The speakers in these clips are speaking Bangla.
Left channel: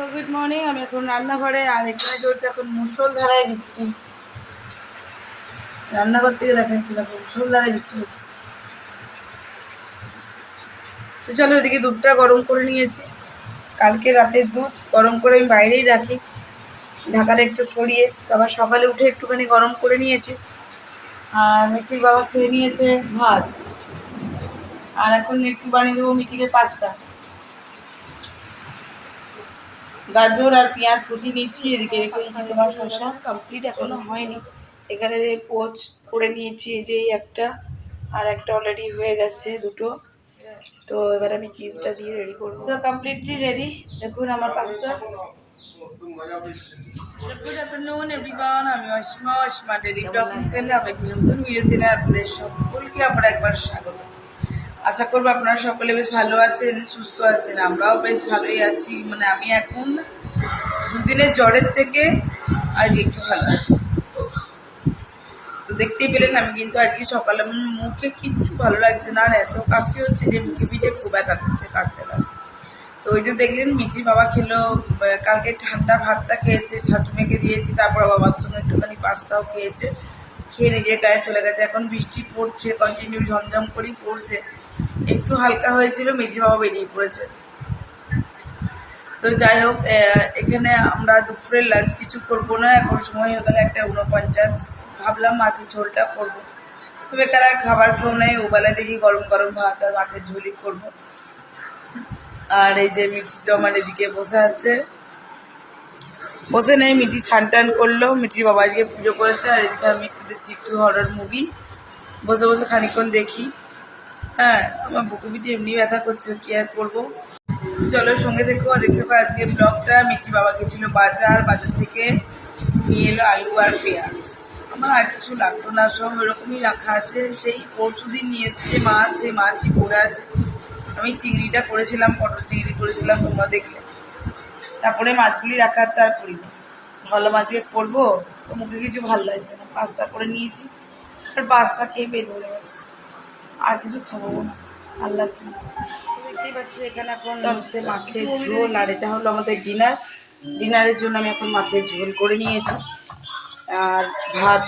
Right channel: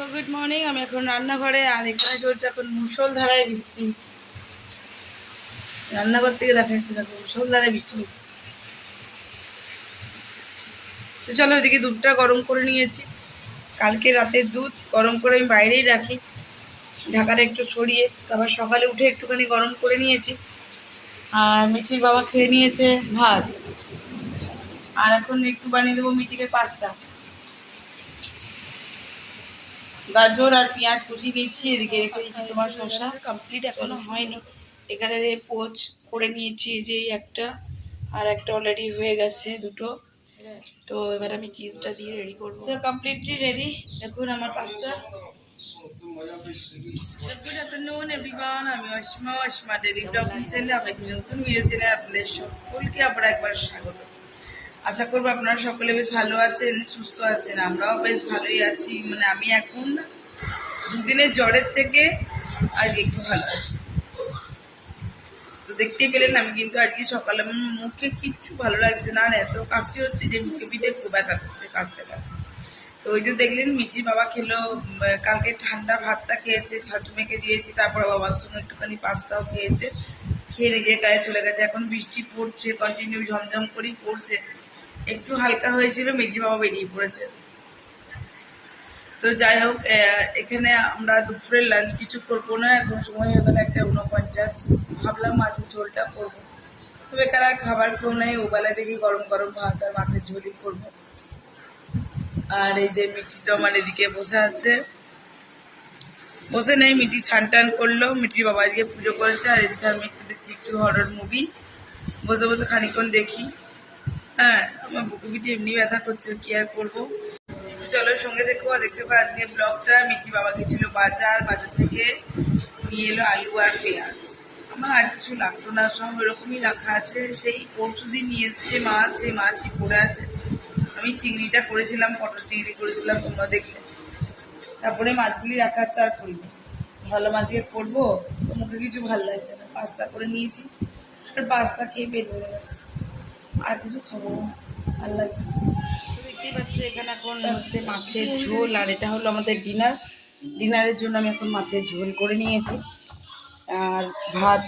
So good morning. আমি এখন রান্নাঘরে, আর এখানে চলছে এখন মুষলধারায় বৃষ্টি। রান্নাঘর থেকে দেখাচ্ছি, দেখো মুষলধারায় বৃষ্টি হচ্ছে। তো চলো, ওদিকে দুধটা গরম করে নিয়েছি। কালকে রাতের দুধ গরম করে আমি বাইরেই রাখি, ঢাকাটা একটু সরিয়ে। তো আবার সকালে উঠে একটুখানি গরম করে নিয়েছি। আর মিঠির বাবা খেয়ে নিয়েছে ভাত। আর এখন একটু বানিয়ে দেবো মিঠিকে পাস্তা। গাজর আর পেঁয়াজ কুচি নিচ্ছি। এদিকে রেখেছি তোমার শসা কমপ্লিট এখনো হয়নি। এখানে পোচ করে নিয়েছি, যে একটা আর একটা অলরেডি হয়ে গেছে, দুটো। তো এবার আমি চিজটা দিয়ে রেডি করবো। So completely ready. দেখুন আমার পাস্তা। গুড আফটারনুন এভরিওয়ান, আমি অসীমা ডেইলি ব্লগ চ্যানেলে আপনাদের নতুন ভিডিও দিনে আপনাদের সকলকে আবার একবার স্বাগত। আশা করবো আপনারা সকলে বেশ ভালো আছেন, সুস্থ আছেন। আমরাও বেশ ভালোই আছি। মানে আমি এখন দুদিনের জ্বরের থেকে আজ একটু ভালো আছি। তো দেখতেই পেলেন, আমি কিন্তু আজকে সকালে মুখে কিচ্ছু ভালো লাগছে না, আর এত কাশি হচ্ছে যে মুখে পিঠে খুব ব্যথা করছে কাশতে কাশতে। তো ওইটা দেখলেন মিঠির বাবা খেলো। কালকে ঠান্ডা ভাতটা খেয়েছে, ছাতু মেখে দিয়েছি, তারপর বাবার সঙ্গে একটুখানি পাস্তাও খেয়েছে। খেয়ে নিজের গায়ে চলে গেছে। এখন বৃষ্টি পড়ছে, কন্টিনিউ ঝমঝম করেই পড়ছে। একটু হালকা হয়েছিল, মিঠির বাবা বেরিয়ে পড়েছে। তো যাই হোক, এখানে আমরা দুপুরের লাঞ্চ কিছু করবো না, এখন সময় হয়ে গেল 1:49। ভাবলাম মাছের ঝোলটা করবো। তো বেকার আর খাবার কেউ নেই, ওবেলা দেখি গরম গরম ভাত আর মাছের ঝোলই করবো। আর এই যে মিঠি জমান এদিকে বসে আছে, বসে নেই, মিঠি স্নান টান করলো। মিঠির বাবা আজকে পুজো করেছে। আর এদিকে আমি একটু দেখছি একটু হরর মুভি, বসে বসে খানিক্ষণ দেখি। হ্যাঁ, আমার বুকু পিঠে এমনি ব্যথা করছে, কি আর করবো। চলো সঙ্গে থেকো, দেখতে পাই আজকে ব্লগটা। মিঠির বাবা গেছিলো বাজার থেকে নিয়ে এলো আলু আর পেঁয়াজ। আমার আর কিছু লাগতো না, সব ওরকমই রাখা আছে। সেই পরশুদিন নিয়ে এসছে মাছ, সেই মাছই পড়ে আছে। আমি চিংড়িটা করেছিলাম, পটল চিংড়ি করেছিলাম, তোমরা দেখলে। তারপরে মাছগুলি রাখা আছে, আর করিনি। ভালো মাছকে করবো, তো মুখে কিছু ভালো লাগছে না। পাস্তা করে নিয়েছি, আর পাস্তা খেয়ে পেট ভরে গেছে, আর কিছু খাবো না, ভালো লাগছে। দেখতেই পাচ্ছি এখানে এখন হচ্ছে মাছের ঝোল, আর এটা হলো আমাদের ডিনার। ডিনারের জন্য আমি এখন মাছের ঝোল করে নিয়েছি। আর ভাত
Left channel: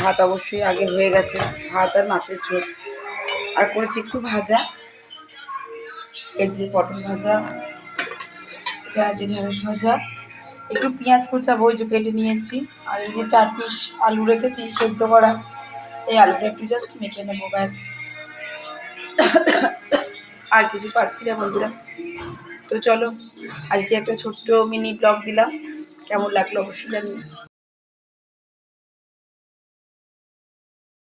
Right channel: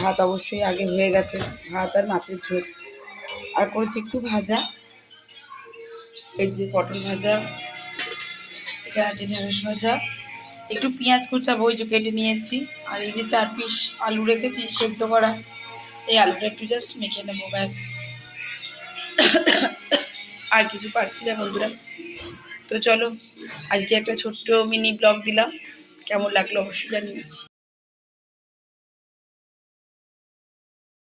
ভাত অবশ্যই আগে হয়ে গেছে, ভাত আর মাছের ঝোল। আর করেছি একটু ভাজা, এই যে পটল ভাজা, এখানে আছে ঢেঁড়স ভাজা, একটু পেঁয়াজ কুচাবো, ওই যে কেটে নিয়েছি। আর এই যে 4 পিস আলু রেখেছি সেদ্ধ করা, এই আলুটা একটু জাস্ট মেখে নেবো, ব্যাস। আর কিছু পাচ্ছি না বন্ধুরা। তো চলো, আজকে একটা ছোট্ট মিনি ব্লগ দিলাম, কেমন লাগলো অবশ্যই জানিও।